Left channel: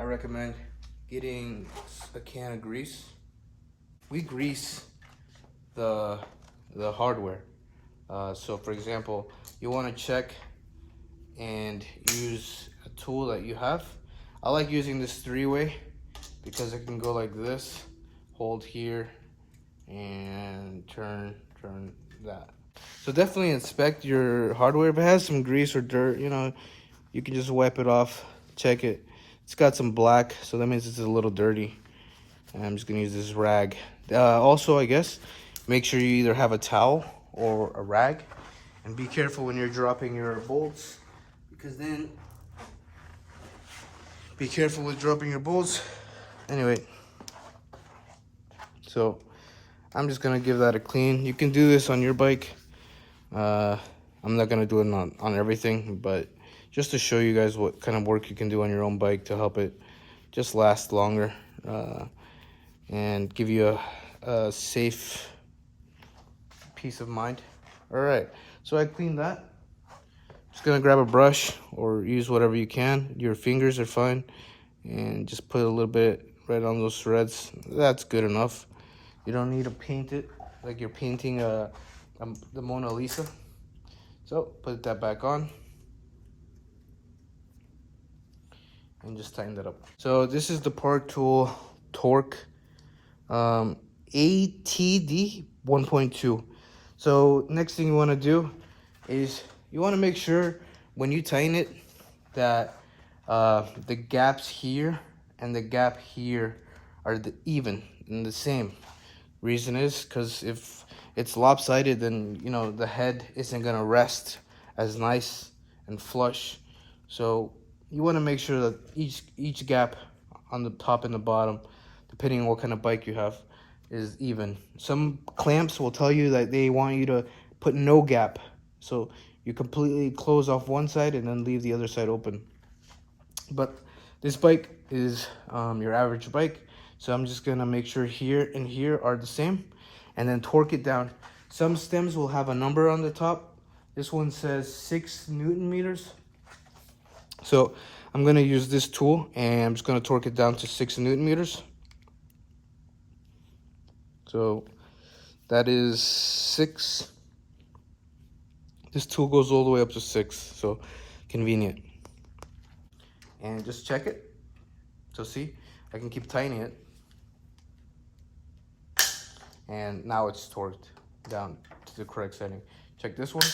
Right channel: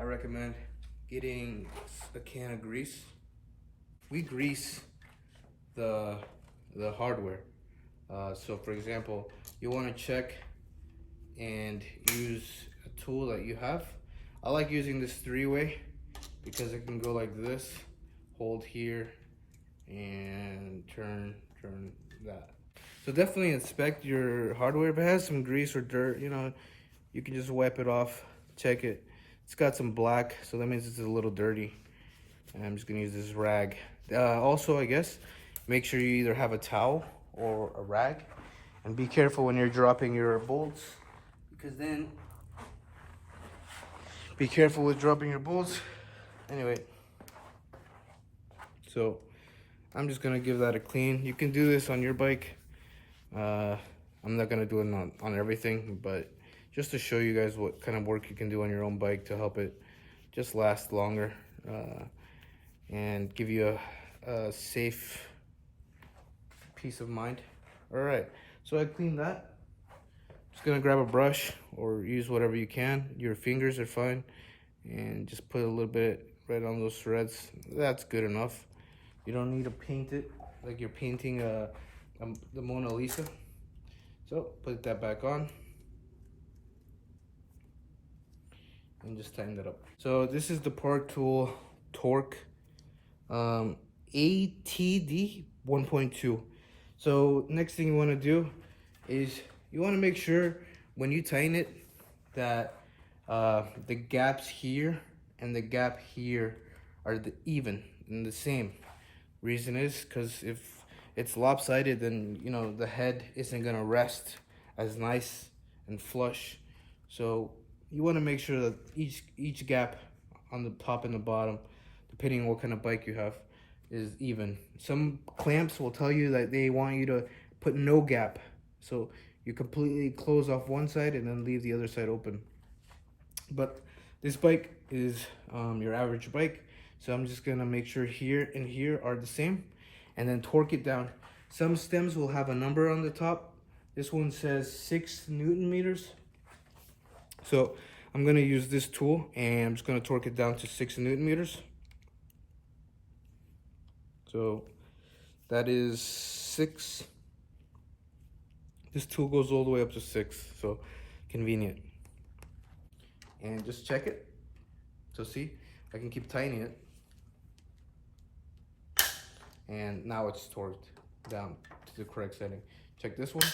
I recommend getting a can of grease. We grease the hardware. So for example, you want to check and use a tool that you have. I like using this three-way because it can go like this, hold here, and turn that. So definitely inspect your hardware. If it has some grease or dirt, you can just wipe it off, check it. It's got some black, so that means it's a little dirty. And I'm just gonna use this rag. Also, I guess, make sure you either have a towel or a rag. And be careful when you're dropping your bolts, because then, be careful with dropping your bolts. Anyway, so I'm just gonna give that a clean. You can do this on your bike. I'm not gonna do it on everything, but just to show you guys what kind of work you can do on your own bike to help it just last longer, and give you a safe peace of mind. All right, so I cleaned that. Just gonna grab a brush or use whatever you can. Your fingers are fine, and just put a little bit right on those threads. That's good enough. You don't need to paint it like you're painting the Mona Lisa. So put that back on and just tighten that up. So this is the Park Tool Torque ATD 1.2. So next thing you want to do is you want to make sure when you tighten it that the gaps here and the gap here are even and the same. Reason is because if it's lopsided, then the head isn't gonna rest as nice and flush. So you want to make sure that each gap on the top and the bottom, depending on what kind of bike you have, is even. Some clamps will tell you that they want you to put no gap, so you completely close off one side and then leave the other side open. But this bike is your average bike, so I'm just gonna make sure here and here are the same, and then torque it down. Some stems will have a number on the top. This one says 6 Newton meters. So I'm gonna use this tool and I'm just gonna torque it down to 6 Newton meters. So that is 6. This tool goes all the way up to 6, so convenient. And just check it. So see, I can keep tightening it. And now it's torqued down to the correct setting. Check this one.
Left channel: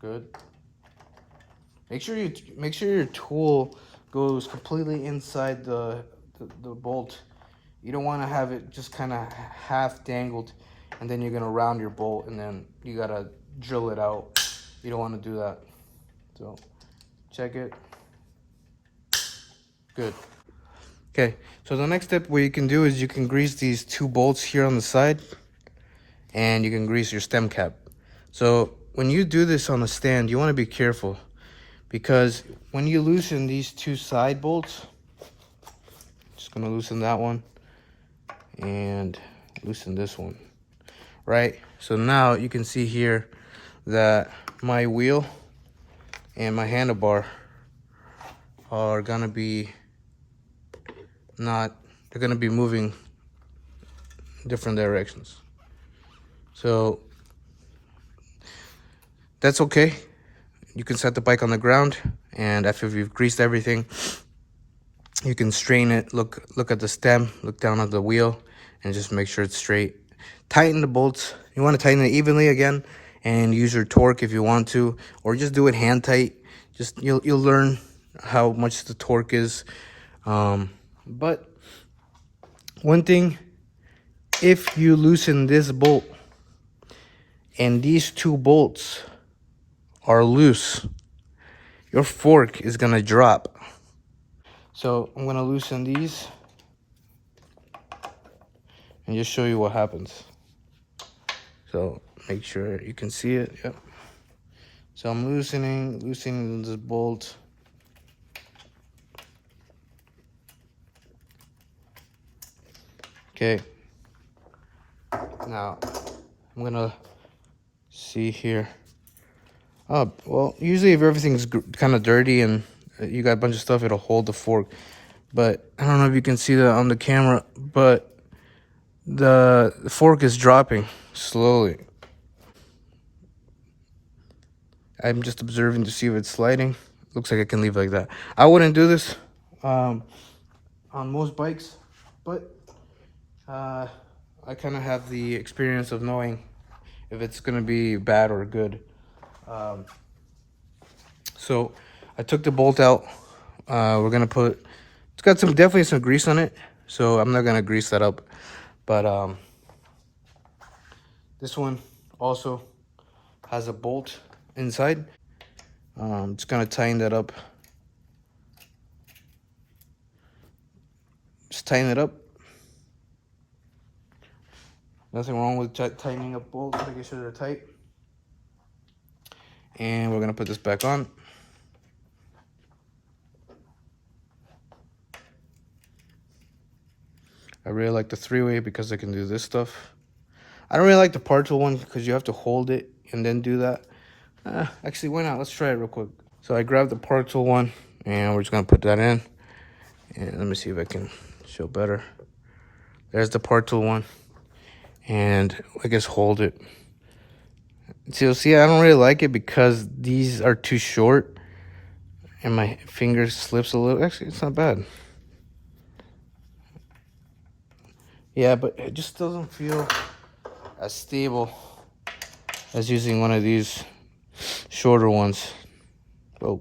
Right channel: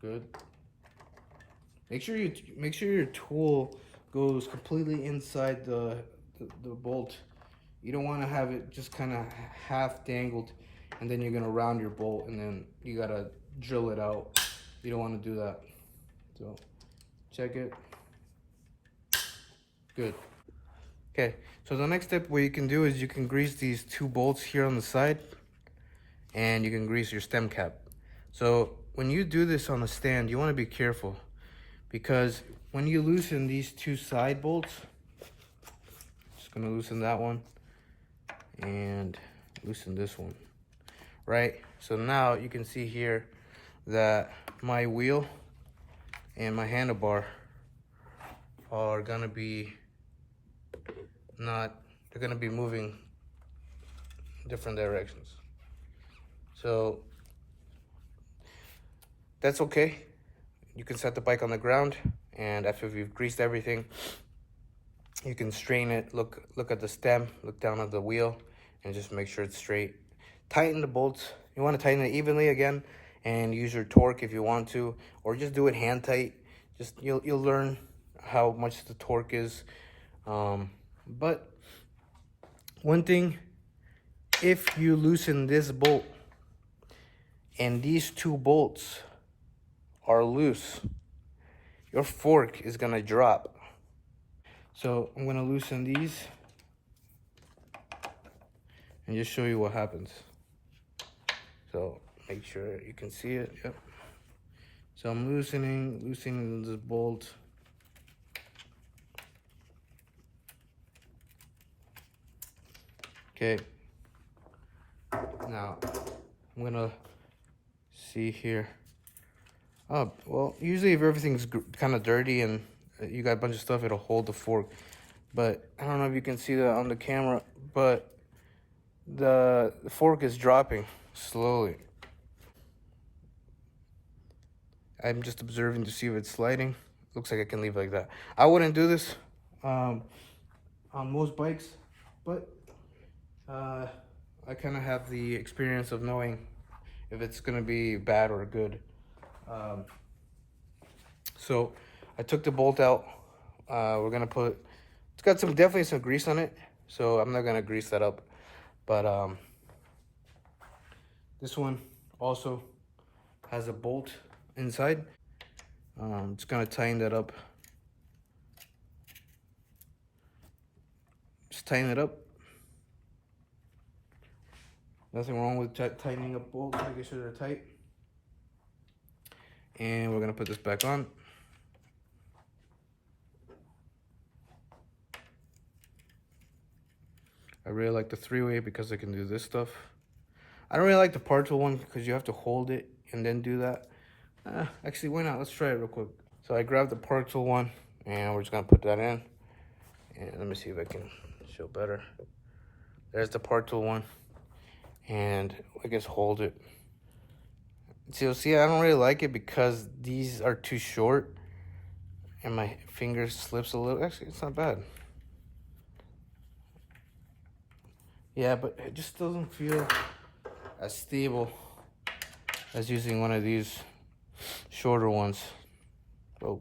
Good. Make sure your tool goes completely inside the bolt. You don't want to have it just kind of half dangled, and then you're gonna round your bolt, and then you gotta drill it out. You don't want to do that. So check it. Good. Okay, so the next step what you can do is you can grease these 2 bolts here on the side, and you can grease your stem cap. So when you do this on the stand, you want to be careful, because when you loosen these 2 side bolts, just gonna loosen that one and loosen this one, right? So now you can see here that my wheel and my handlebar are gonna be they're gonna be moving different directions. So that's okay. You can set the bike on the ground, and after you've greased everything, you can strain it, look at the stem, look down at the wheel, and just make sure it's straight. Tighten the bolts. You want to tighten it evenly again, and use your torque if you want to, or just do it hand tight. Just you'll learn how much the torque is. But one thing, if you loosen this bolt and these 2 bolts are loose, your fork is gonna drop. So I'm gonna loosen these and just show you what happens. So make sure you can see it. Yep. So I'm loosening this bolt. Okay. Now I'm gonna see here. Oh, well, usually if everything's kind of dirty and you got a bunch of stuff, it'll hold the fork. but I don't know if you can see that on the camera, but the fork is dropping slowly. I'm just observing to see if it's sliding. Looks like I can leave like that. I wouldn't do this on most bikes, but I kind of have the experience of knowing if it's gonna be bad or good. So I took the bolt out. We're gonna put, it's got definitely some grease on it, so I'm not gonna grease that up. But this one also has a bolt inside. Just gonna tighten that up. Just tighten it up. Nothing wrong with tightening up bolts, making sure they're tight. And we're gonna put this back on. I really like the 3-way because I can do this stuff. I don't really like the power tool one because you have to hold it and then do that. Actually, why not? Let's try it real quick. So I grabbed the power tool one and we're just gonna put that in. And let me see if I can show better. There's the power tool one. And I guess hold it. So see, I don't really like it because these are too short and my finger slips a little. Actually, it's not bad. Yeah, but it just doesn't feel as stable as using one of these shorter ones. Oh.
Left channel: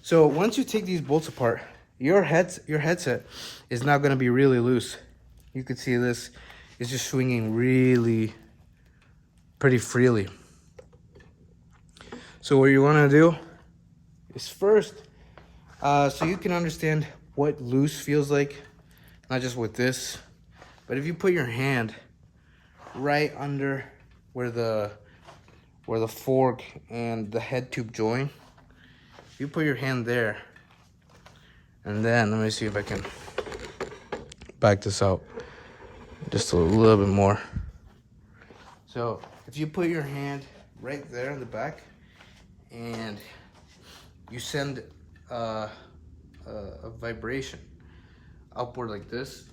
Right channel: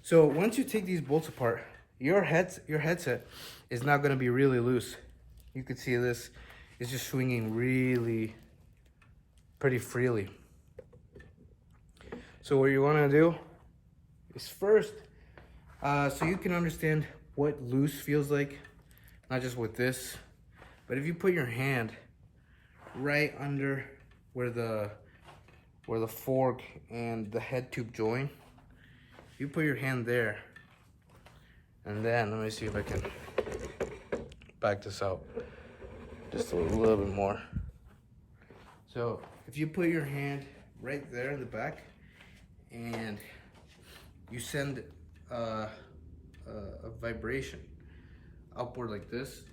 So once you take these bolts apart, your headset is now going to be really loose. You can see this is just swinging really pretty freely. So what you want to do is first, so you can understand what loose feels like, not just with this, but if you put your hand right under where the fork and the head tube join, you put your hand there, and then let me see if I can back this out just a little bit more. So if you put your hand right there in the back and you send a vibration upward like this,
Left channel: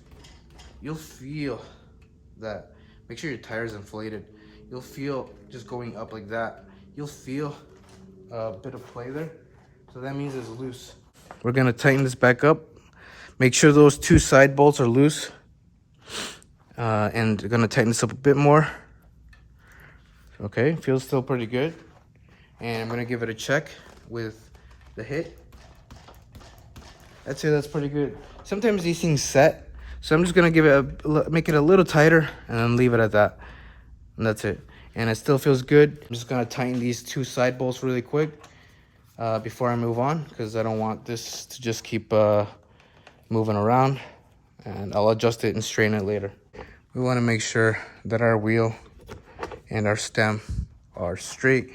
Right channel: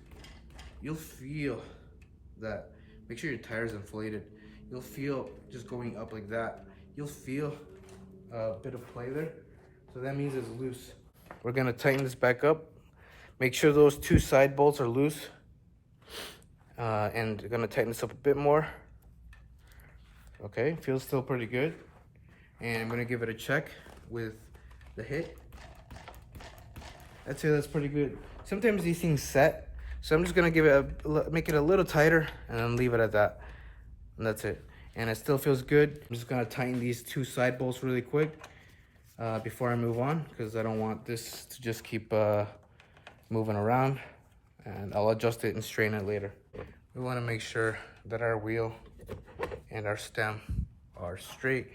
you'll feel that. Make sure your tire's inflated. You'll feel just going up like that. You'll feel a bit of play there. So that means it's loose. We're gonna tighten this back up. Make sure those 2 side bolts are loose. And gonna tighten this up a bit more. Okay, feels still pretty good. And I'm gonna give it a check with the hit. I'd say that's pretty good. Sometimes these things set, so I'm just gonna give it make it a little tighter and then leave it at that. And that's it. And it still feels good. I'm just gonna tighten these 2 side bolts really quick before I move on, because I don't want this to just keep moving around. And I'll adjust it and straighten it later. We wanna make sure that our wheel and our stem are straight.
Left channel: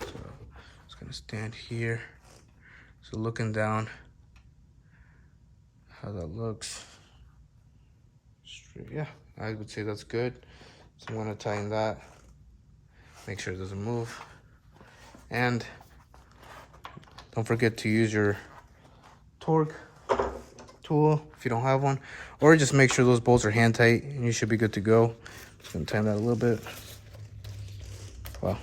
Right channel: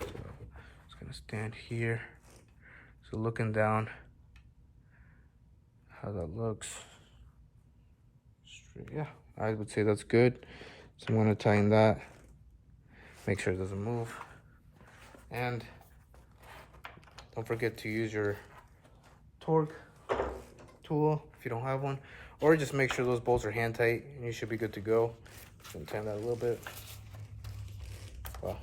So I'm just gonna stand here. So looking down, how that looks. Straight. Yeah, I would say that's good. So I'm gonna tighten that. Make sure it doesn't move. And don't forget to use your torque tool if you don't have one, or just make sure those bolts are hand tight and you should be good to go. Just gonna tighten that a little bit. Wow.